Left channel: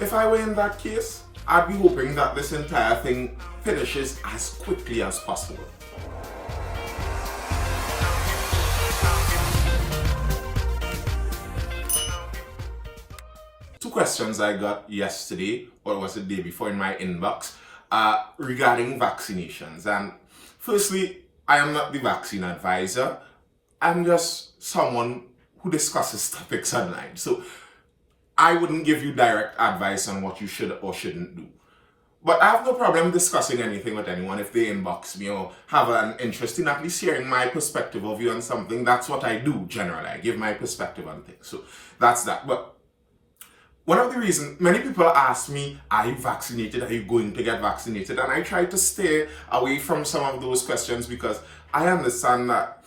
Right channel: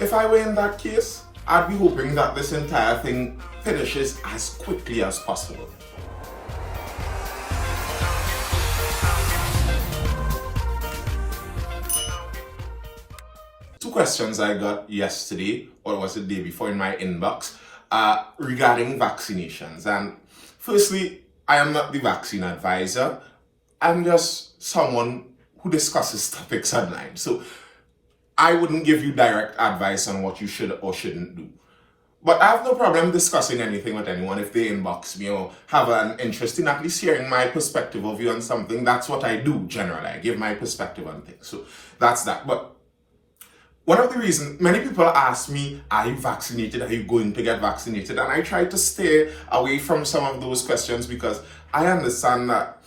If I were in that case, I'd be hoping that this entire thing finishes as quickly as possible. Two questions I got yesterday, or was it the day before, in my inbox regarding vaccinations. And firstly, I am not the vaccine advisor. I'm just someone who discusses topics online. So I wouldn't give you direct advice on what you should or shouldn't do. But I have no problem discussing anything with anyone if they inbox me or have an interest in at least hearing my perspective of view on something. That's what I do generally. I give my perspective on things. So that's that. But one of the reasons, many people ask me, are you vaccinated? Are you going to get vaccinated? And I try to stay away from some of those questions because I understand that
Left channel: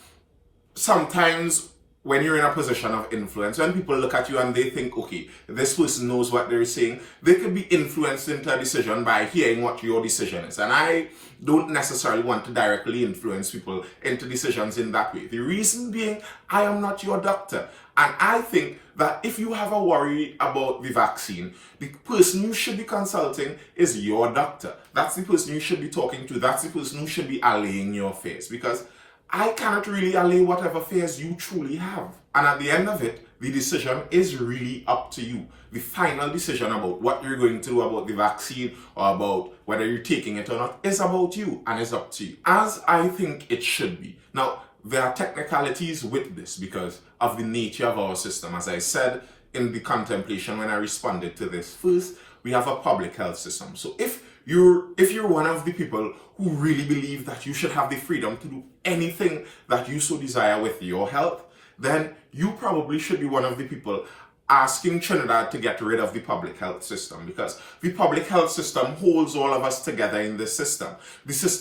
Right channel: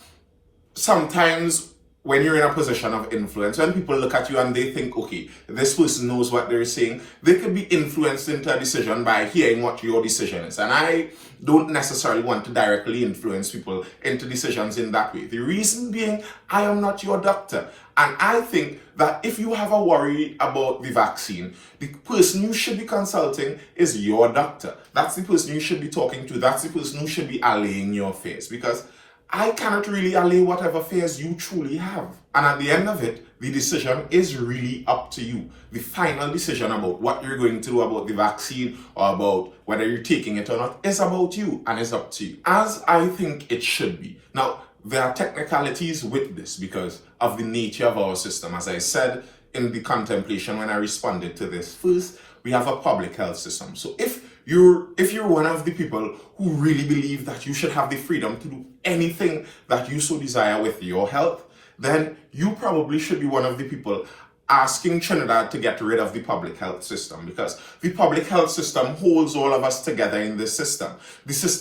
sometimes when you're in a position of influence, when people look at you and they think, okay, this person knows what they're saying, they could be influenced into a decision by hearing what your decision is. And I don't necessarily want to directly influence people into decisions in that way. The reason being, I am not your doctor. And I think that if you have a worry about the vaccine, the person you should be consulting is your doctor. That's the person you should be talking to. That's the person who should be allaying your fears, because I cannot really allay whatever fears you truly have. And at the end of it, the decision is really up to you. The final decision about what you're going to do about the vaccine or about whether you're taking it or not is about you and is up to you, as I think it should be. Now, there are technicalities with this because of the nature of our system. As I said in the contemplation when I responded to this, first, we have a public health system. So if you're one of the people who really believe that you should have the freedom to do anything that you so desire with your health, then you probably should be one of the people asking Trinidad to get rid of the public health system, because the public health system holds all of us together in this system.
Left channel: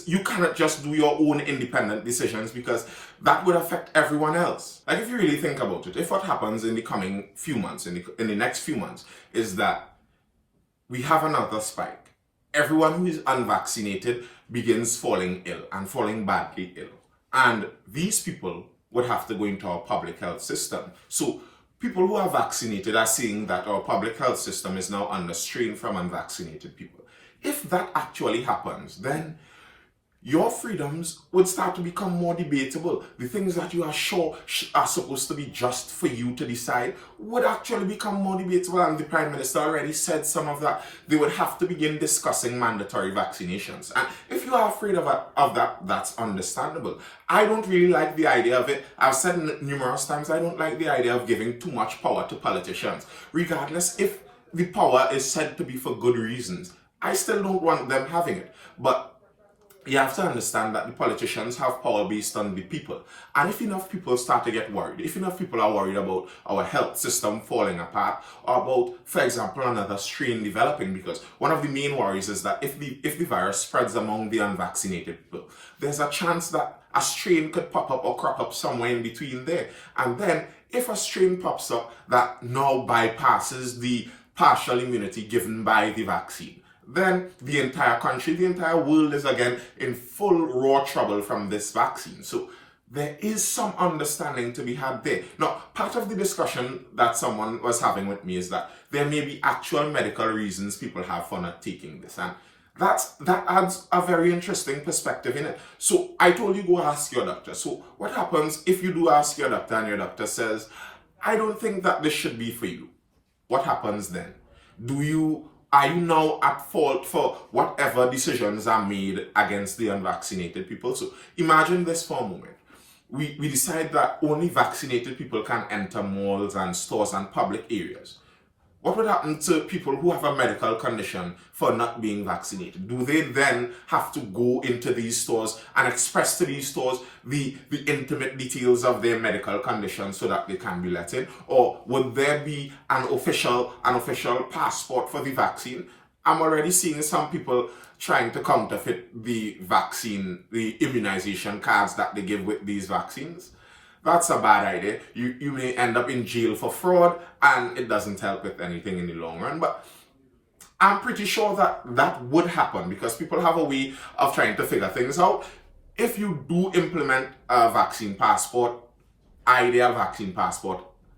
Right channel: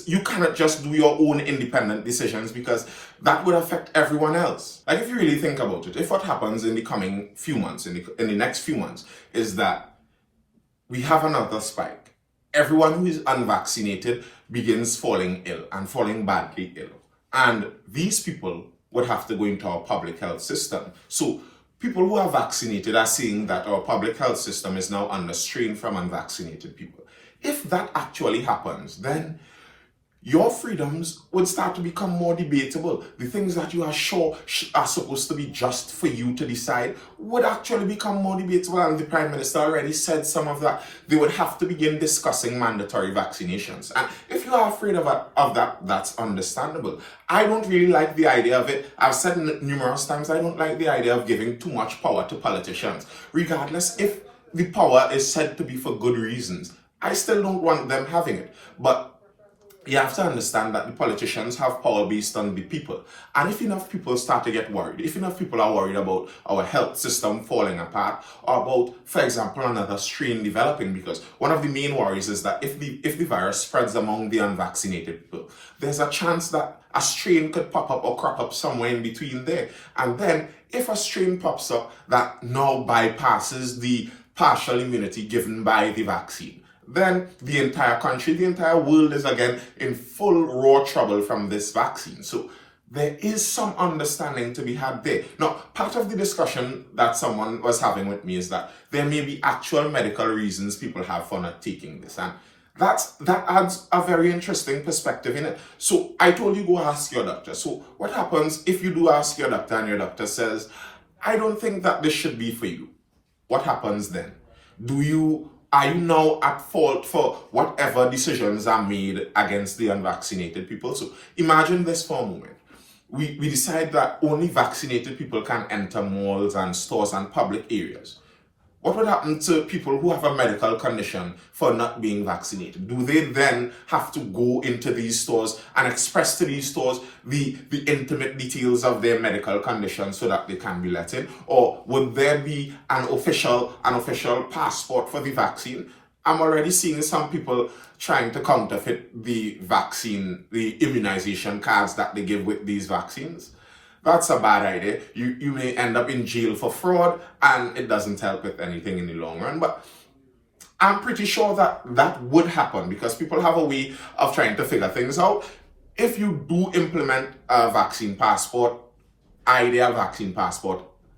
You cannot just do your own independent decisions because that would affect everyone else. Like, if you really think about it, if what happens in the coming few months, in the next few months, is that we have another spike, everyone who is unvaccinated begins falling ill and falling badly ill. And these people would have to go into our public health system. So people who are vaccinated are seeing that our public health system is now under strain from unvaccinated people. If that actually happens, then your freedoms would start to become more debatable. The things that you are sure are supposed to be just for you to decide would actually become more debatable. And the Prime Minister already said some of that. They would have to begin discussing mandatory vaccinations. And if you are afraid of that, that's understandable. I don't really like the idea of it. I've said numerous times, I don't like the idea of giving too much power to politicians. Regardless if the power is said to be for good reasons, I still don't want them having it. But you have to understand that the politicians have power based on the people. And if enough people start to get worried, if enough people are worried about our health system falling apart, or about, for example, another strain developing, because one of the main worries is that if the virus spreads among the unvaccinated people, there's a chance that a strain could pop up or crop up somewhere in between there. And then if a strain pops up that now bypasses the partial immunity given by the vaccine, then the entire country, the entire world is again in full raw trouble from this vaccine. So there is some understanding to be had there. Now, part of the discussion that someone was having with me is that there may be actual medical reasons people have for not taking this. And that adds a very interesting perspective in it. So I told you, go ask your doctor. So what happens if you do ask your doctor and your doctor says, I don't think that this should be for you? What happens then? Are you now at fault for whatever decisions are made against the unvaccinated people? So imagine this for a moment. We decide that only vaccinated people can enter malls and stores and public areas. What would happen to people who have a medical condition for not being vaccinated? Do they then have to go into these stores and express to these stores the intimate details of their medical condition so that they can be let in? Or would there be an official passport for the vaccine? I'm already seeing some people trying to counterfeit the vaccine, the immunization cards that they give with these vaccines. That's a bad idea. You may end up in jail for fraud, and it doesn't help with anything in the long run. But I'm pretty sure that would happen because people have a way of trying to figure things out. If you do implement a vaccine passport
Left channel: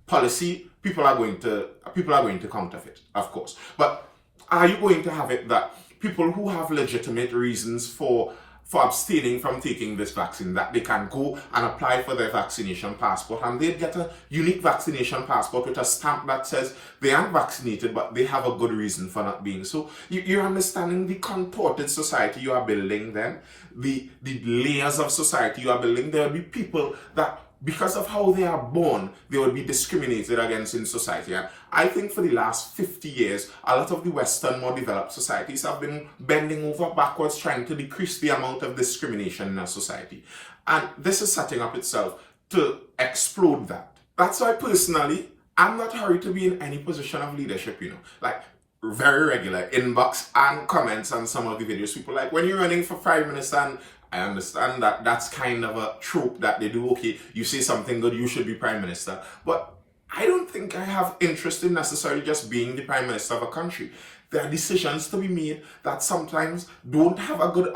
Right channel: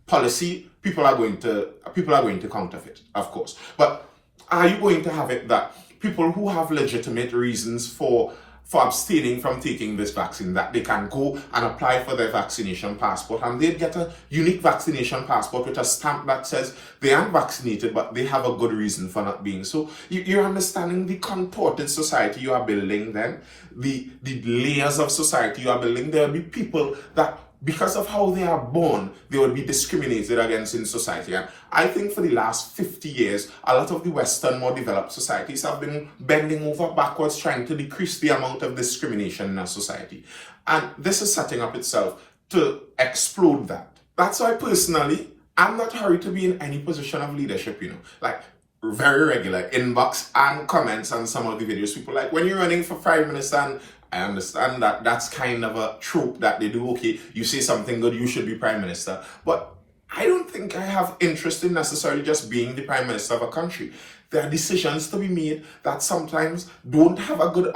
policy, people are going to counterfeit, of course. But Are you going to have it that people who have legitimate reasons for abstaining from taking this vaccine, that they can go and apply for their vaccination passport and they get a unique vaccination passport with a stamp that says they aren't vaccinated but they have a good reason for not being so? You're understanding the contorted society you are building then, the layers of society you are building. There will be people that, because of how they are born, they will be discriminated against in society. And I think for the last 50 years, a lot of the Western, more developed societies have been bending over backwards trying to decrease the amount of discrimination in our society. And this is setting up itself to explode that. That's why personally, I'm not hurried to be in any position of leadership, like very regular inbox and comments on some of the videos. People like, when you're running for Prime Minister, and I understand that that's kind of a trope that they do. Okay, you say something good, you should be Prime Minister. But I don't think I have interest in necessarily just being the Prime Minister of a country. There are decisions to be made that sometimes don't have a good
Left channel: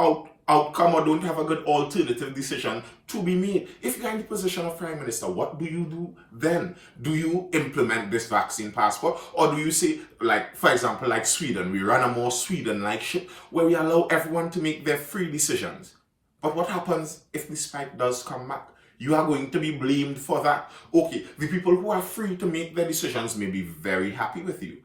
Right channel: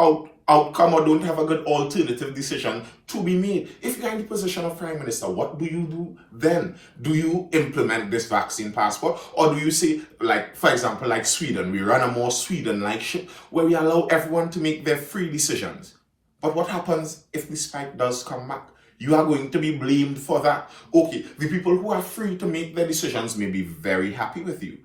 outcome or don't have a good alternative decision to be made. If you're in the position of Prime Minister, what do you do then? Do you implement this vaccine passport? Or do you say, like, for example, like Sweden, we run a more Sweden-like ship where we allow everyone to make their free decisions? But what happens if the spike does come back? You are going to be blamed for that. Okay, the people who are free to make their decisions may be very happy with you.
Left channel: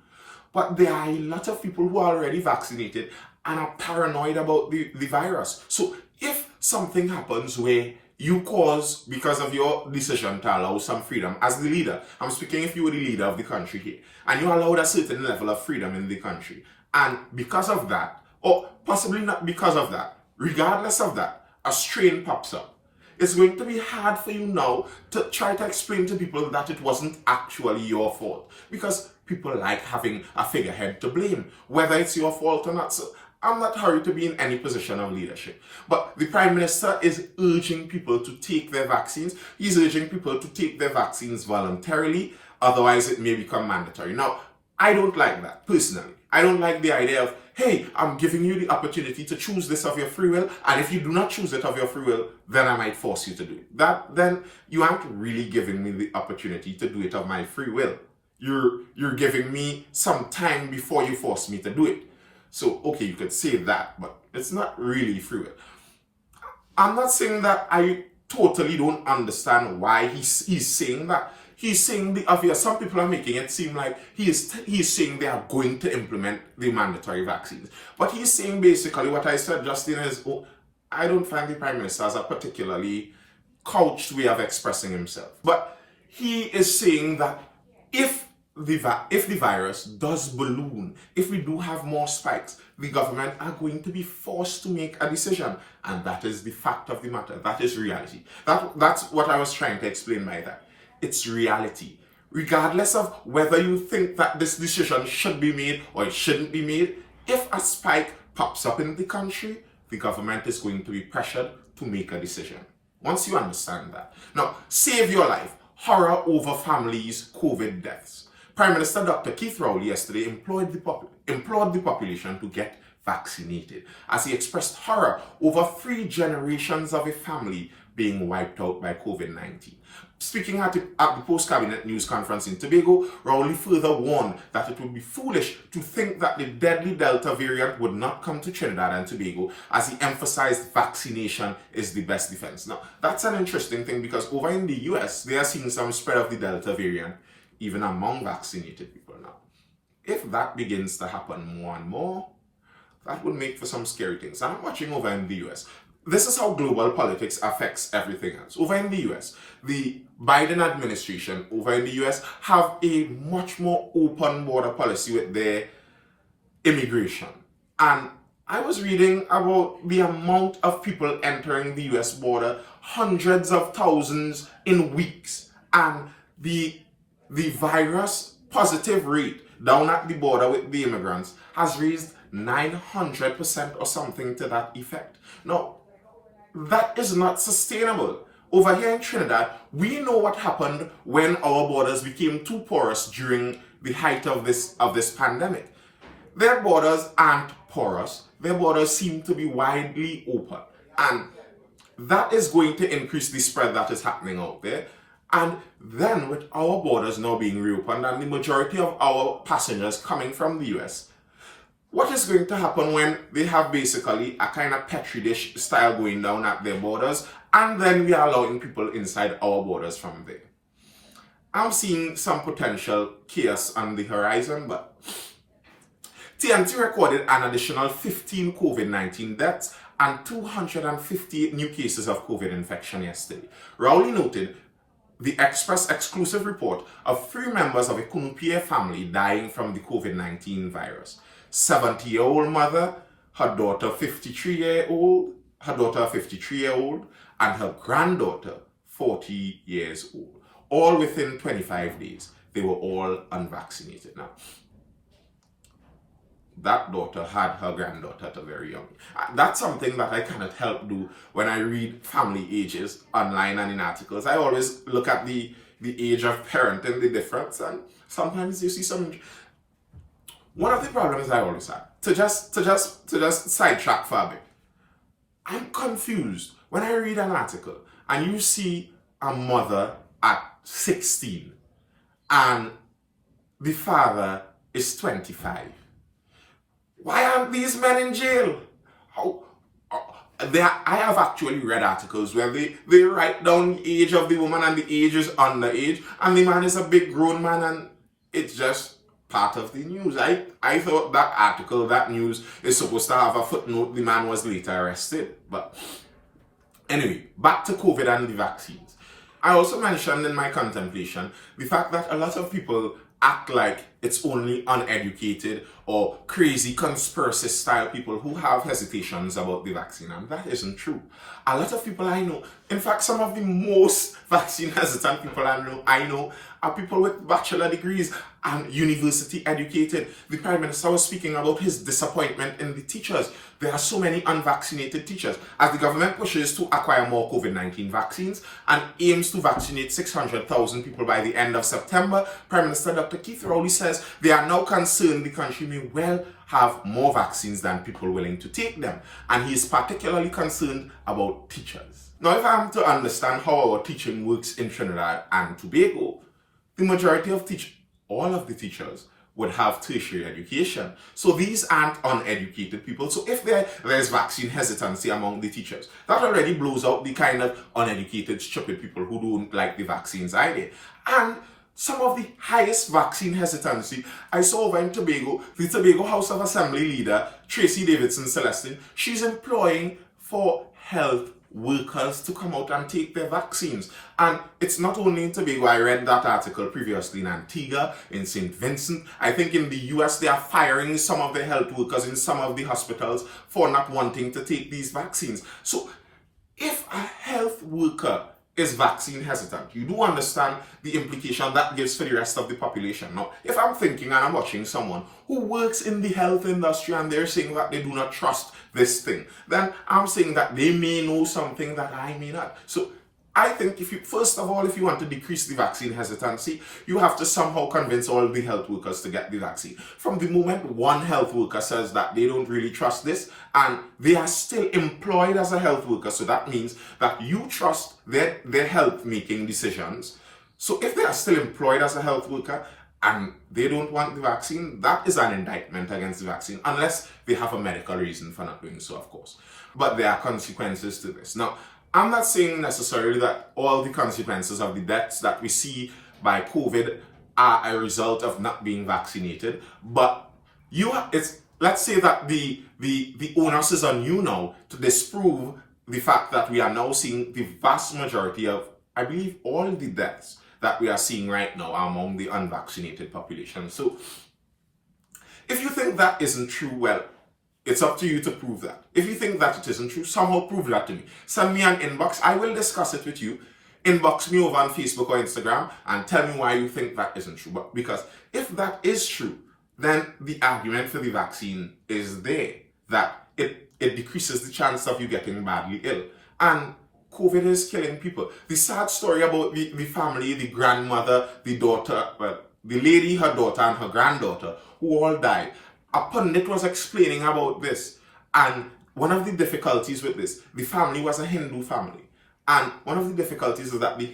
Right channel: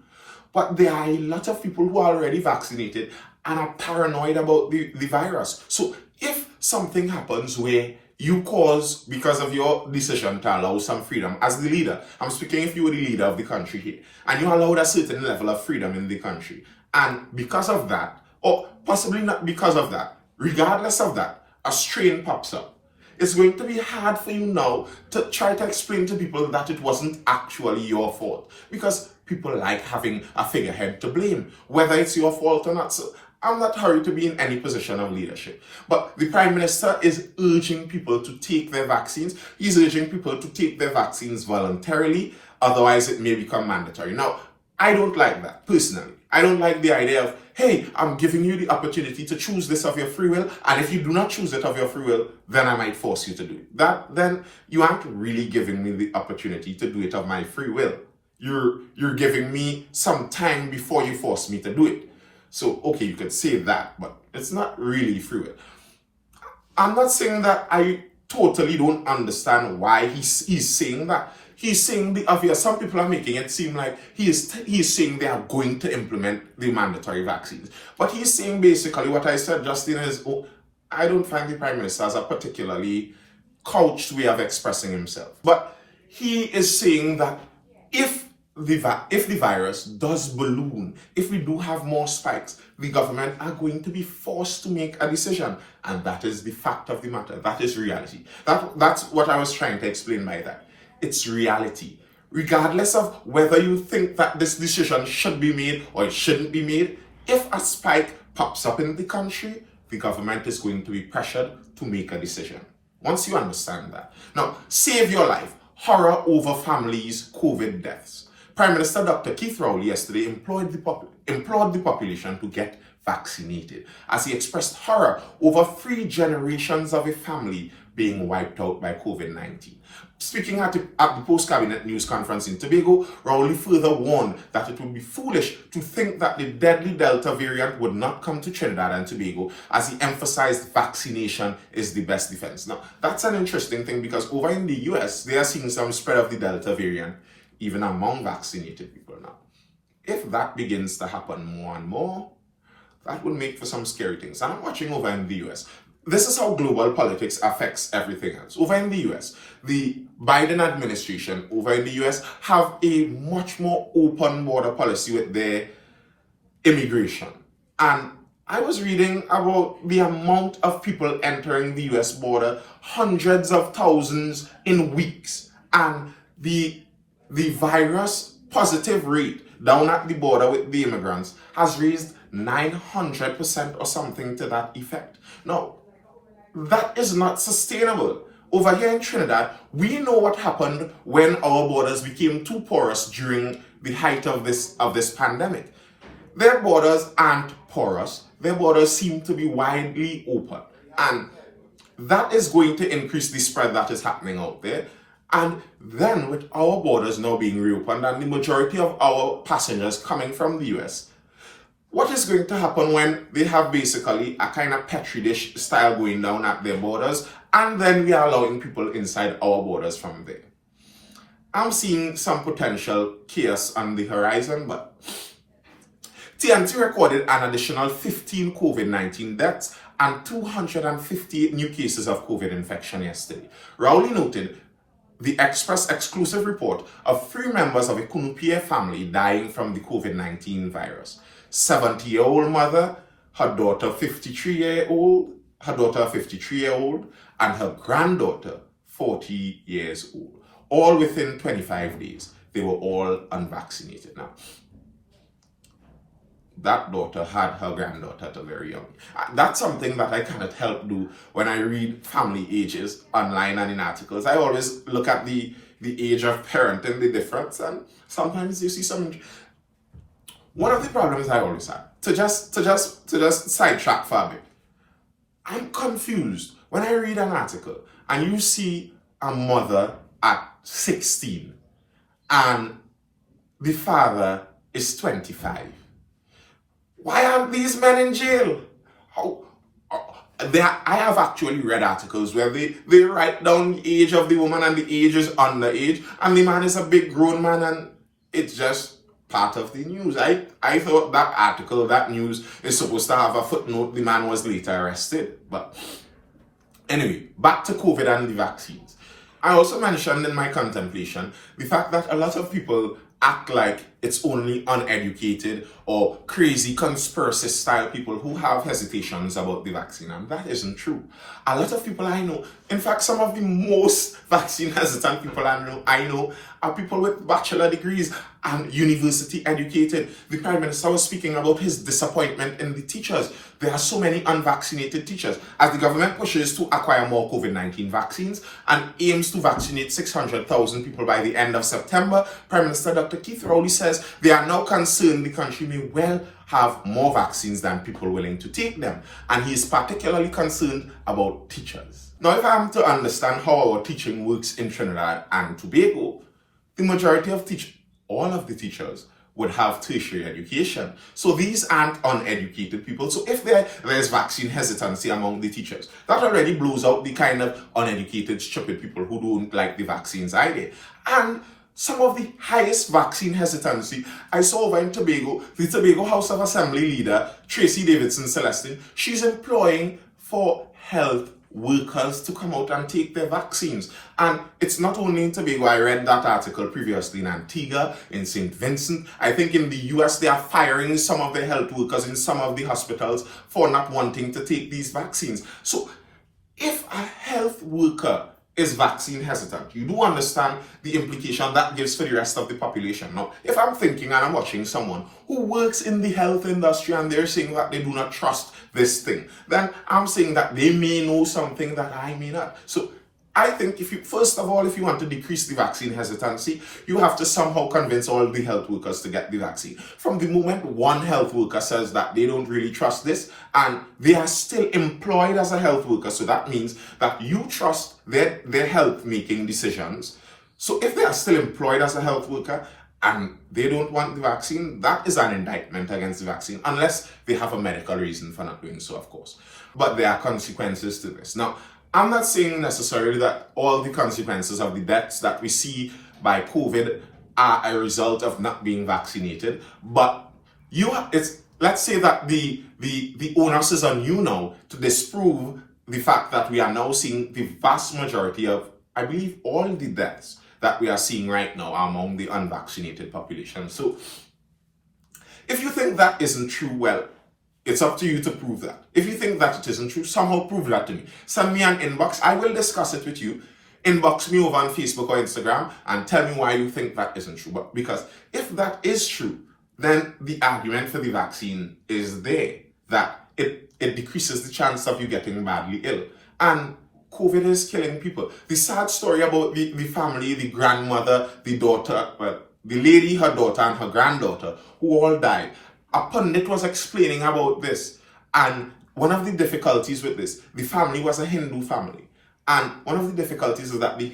But there are a lot of people who are already vaccinated and are paranoid about the virus. So if something happens where you cause, because of your decision to allow some freedom, as the leader, I'm speaking if you were the leader of the country here, and you allowed a certain level of freedom in the country, and because of that, or possibly not because of that, regardless of that, a strain pops up. It's going to be hard for you now to try to explain to people that it wasn't actually your fault, because people like having a figurehead to blame, whether it's your fault or not. So I'm not hurried to be in any position of leadership. But the Prime Minister is urging people to take their vaccines. He's urging people to take their vaccines voluntarily, otherwise it may become mandatory. Now, I don't like that, personally. I don't like the idea of, hey, I'm giving you the opportunity to choose this of your free will, and if you do not choose it of your free will, then I might force you to do it. Then you aren't really giving me the opportunity to do it of my free will. You're giving me some time before you force me to do it. So, okay, you could say that, but it's not really free will. I'm not saying that I totally don't understand why he's saying that. He's saying the obvious. Some people are making it seem like he's saying they are going to implement the mandatory vaccines. But he's saying basically what I said just in his own. I don't find the Prime Minister as a particularly couched way of expressing himself. But he is saying that if the virus does balloon, if we do have more spikes, the government are going to be forced to make a decision. And that is the fact of the matter. That is reality. That's what I was trying to explain by that. It's reality. Regardless of whether you think that this decision should be made or it shouldn't be made, if a spike pops up in the country, the government is going to be pressured to make a decision. Once you understand that. Now, save your life. Horror over families' COVID deaths. Prime Minister Dr. Keith Rowley yesterday implored the population to get vaccinated, as he expressed horror over 3 generations of a family being wiped out by COVID-19. Speaking at the post-cabinet news conference in Tobago, Rowley further warned that it would be foolish to think that the deadly Delta variant would not come to Trinidad and Tobago, as he emphasized vaccination is the best defense. Now, that's an interesting thing, because over in the US, they are seeing some spread of the Delta variant, even among vaccinated people now. If that begins to happen more and more, that would make for some scary things. And I'm watching over in the US. This is how global politics affects everything else. Over in the US, the Biden administration over in the US have a much more open border policy with their immigration. And I was reading about the amount of people entering the US border, hundreds of thousands in weeks. And the virus positive rate down at the border with the immigrants has raised 900% or something to that effect. Now, that is not sustainable. Over here in Trinidad, we know what happened when our borders became too porous during the height of this pandemic. Their borders aren't porous. Their borders seem to be widely open. And that is going to increase the spread that is happening out there. And then with our borders now being reopened and the majority of our passengers coming from the US, What is going to happen when they have basically a kind of petri dish style going down at their borders, and then we are allowing people inside our borders from there? I'm seeing some potential chaos on the horizon, but TNT recorded an additional 15 COVID-19 deaths and 258 new cases of COVID infection yesterday. Rowley noted the Express exclusive report of 3 members of a Kunupie family dying from the COVID-19 virus. 70-year-old mother, her daughter 53-year-old, and her granddaughter 40 years old. All within 25 days. They were all unvaccinated. Now, that daughter had her granddaughter at a very young age. That's something that I cannot help do when I read family ages online and in articles. I always look at the age of parent and the difference, and sometimes you see some. One of the problems I always had, to just sidetrack for a bit, I'm confused when I read an article and you see a mother at 16 and the father is 25. Why aren't these men in jail? I have actually read articles where they write down the age of the woman and the age is underage, and the man is a big grown man, and it's just part of the news. I thought that article, that news, is supposed to have a footnote. The man was later arrested. But anyway, back to COVID and the vaccines. I also mentioned in my contemplation the fact that a lot of people act like it's only uneducated or crazy conspiracy style people who have hesitations about the vaccine, and that isn't true. A lot of people I know, in fact some of the most vaccine hesitant people I know are people with bachelor degrees and university educated. The Prime Minister was speaking about his disappointment in the teachers. There are so many unvaccinated teachers. As the government pushes to acquire more COVID-19 vaccines and aims to vaccinate 600,000 people by the end of September, Prime Minister Dr. Keith Rowley says they are now concerned the country may well have more vaccines than people willing to take them. And he is particularly concerned about teachers. Now, if I am to understand how our teaching works in Trinidad and Tobago, the majority of all of the teachers would have tertiary education. So these aren't uneducated people. So if there's vaccine hesitancy among the teachers, that already blows out the kind of uneducated, stupid people who don't like the vaccines either. And some of the highest vaccine hesitancy I saw over in Tobago, the Tobago House of Assembly leader, Tracy Davidson Celestine, she's employing for health workers to come out and take their vaccines. And it's not only in Tobago. I read that article previously in Antigua, in St. Vincent. I think in the US they are firing some of the health workers in some of the hospitals for not wanting to take these vaccines. So if a health worker is vaccine hesitant, you do understand the implication that gives for the rest of the population. Now, if I'm thinking and I'm watching someone who works in the health industry and they're saying that they do not trust this thing, then I'm saying that they may know something that I may not. So I think first of all, if you want to decrease the vaccine hesitancy, you have to somehow convince all the health workers to get the vaccine. From the moment one health worker says that they don't really trust this, and they are still employed as a health worker, so that means that you trust their health making decisions. So if they are still employed as a health worker and they don't want the vaccine, that is an indictment against the vaccine, unless they have a medical reason for not doing so, of course. But there are consequences to this. Now, I'm not saying necessarily that all the consequences of the deaths that we see by COVID are a result of not being vaccinated, but let's say that the onus is on you now to disprove the fact that we are now seeing the vast majority of, I believe, all the deaths that we are seeing right now among the unvaccinated population. So if you think that isn't true, well, it's up to you to prove that. If you think that it isn't true, somehow prove that to me. Send me an inbox. I will discuss it with you. Inbox me over on Facebook or Instagram and tell me why you think that isn't true. But because if that is true, then the argument for the vaccine is there, that it decreases the chance of you getting badly ill. And COVID is killing people. The sad story about the family, the grandmother, the daughter, well, the lady, her daughter, and her granddaughter, who all died. A pundit was explaining about this, and one of the difficulties with this, the family was a Hindu family, and one of the difficulties is that the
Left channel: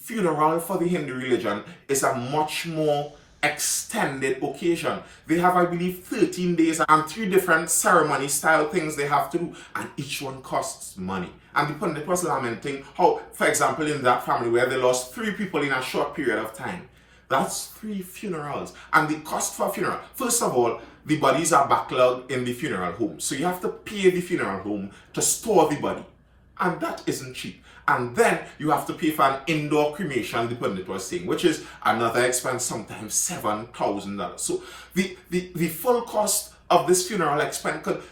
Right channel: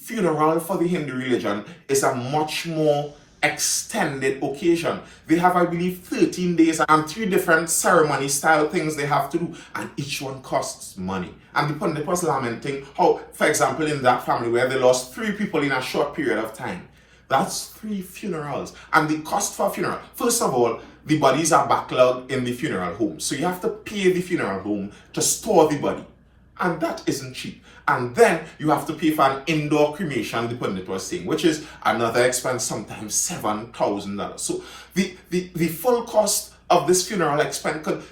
funeral for the Hindu religion is a much more extended occasion. They have, I believe, 13 days and 3 different ceremony style things they have to do, and each one costs money. And the pundit was lamenting how, for example, in that family where they lost 3 people in a short period of time, that's 3 funerals. And the cost for a funeral, first of all, the bodies are backlogged in the funeral home. So you have to pay the funeral home to store the body. And that isn't cheap. And then you have to pay for an indoor cremation, the pundit was saying, which is another expense, sometimes $7,000. So the full cost of this funeral expense could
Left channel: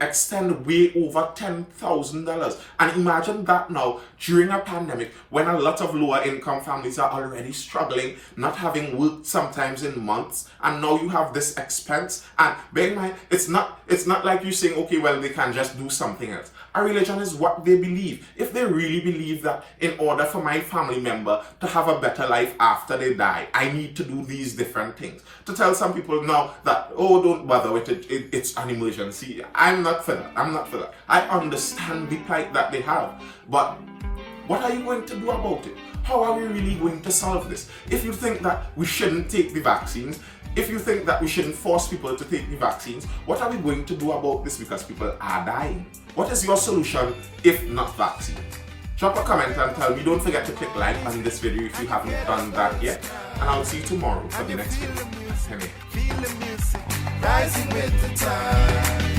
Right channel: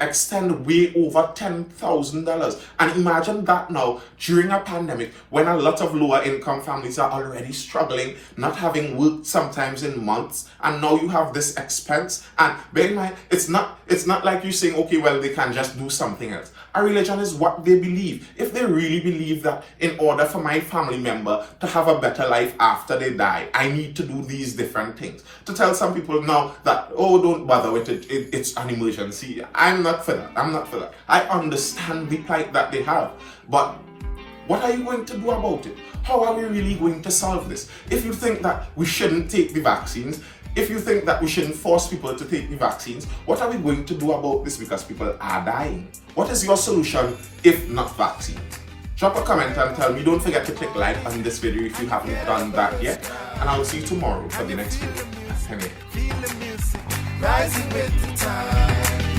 extend way over $10,000. And imagine that now during a pandemic when a lot of lower income families are already struggling, not having worked sometimes in months, and now you have this expense. And bear in mind, it's not like you saying, okay, well, they can just do something else. A religion is what they believe. If they really believe that in order for my family member to have a better life after they die, I need to do these different things. To tell some people now that, oh, don't bother with it, it's an emergency. I'm not for that. I understand the plight that they have. But what are you going to do about it? How are we really going to solve this? If you think that we shouldn't take the vaccines, if you think that we shouldn't force people to take the vaccines, what are we going to do about this because people are dying? What is your solution if not vaccines? Drop a comment and tell me. Don't forget to click like on this video if you haven't done that yet. And I will see you tomorrow for the next video. Feel the music, rising with the time.